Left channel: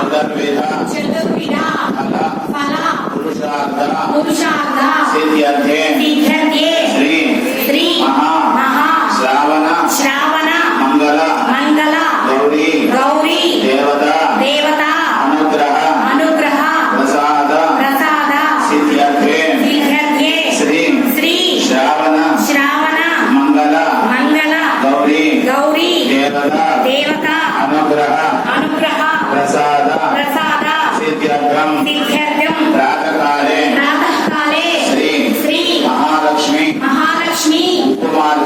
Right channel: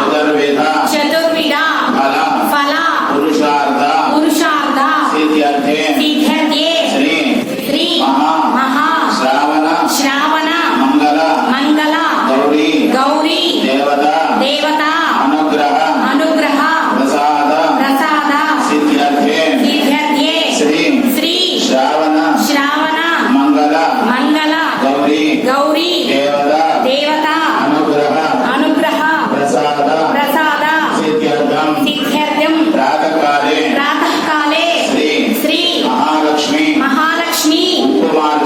முதன்வேத ಚತುರ್ವಿಧ ಫಲ ಫಲ ಪುರುಷಾರ್ಥ ಪುರುಷಾರ್ಥ ಸಿದ್ಧಿ ಅರ್ಥ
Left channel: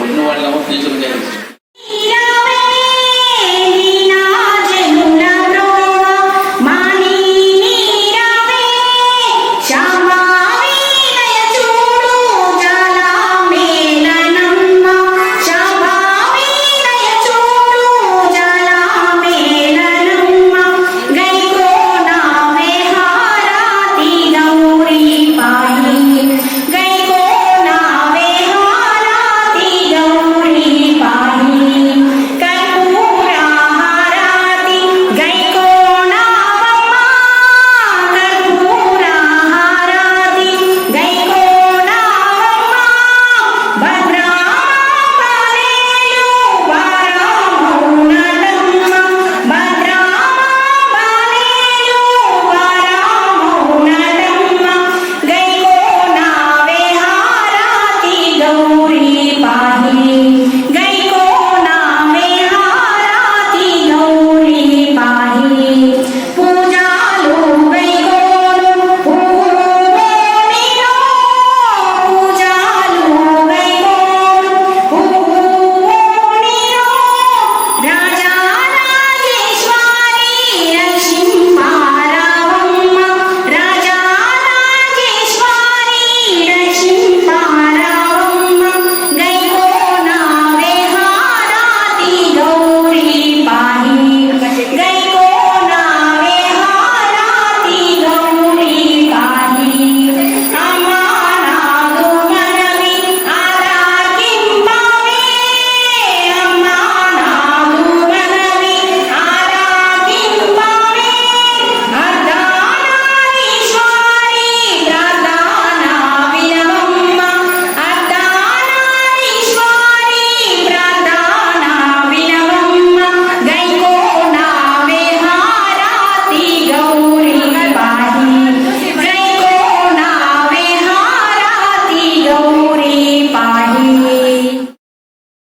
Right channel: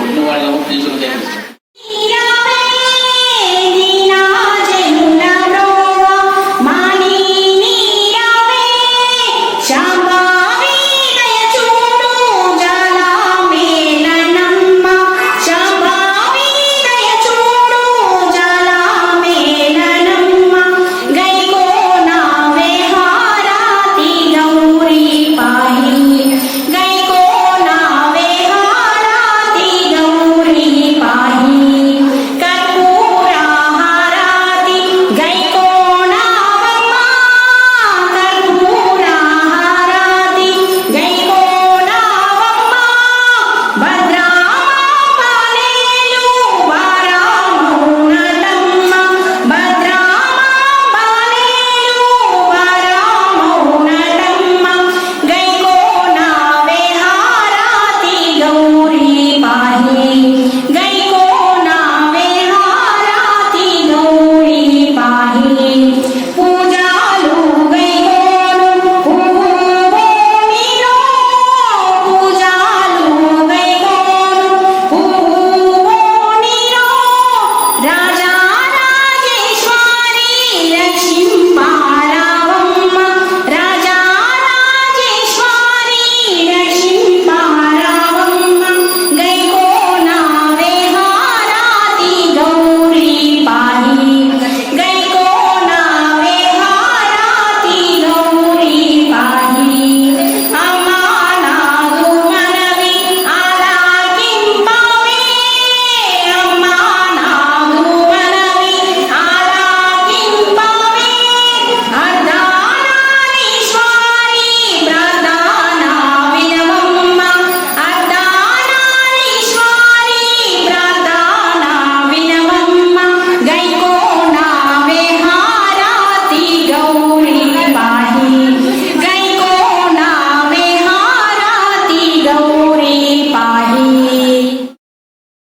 por no guardar un filtro de.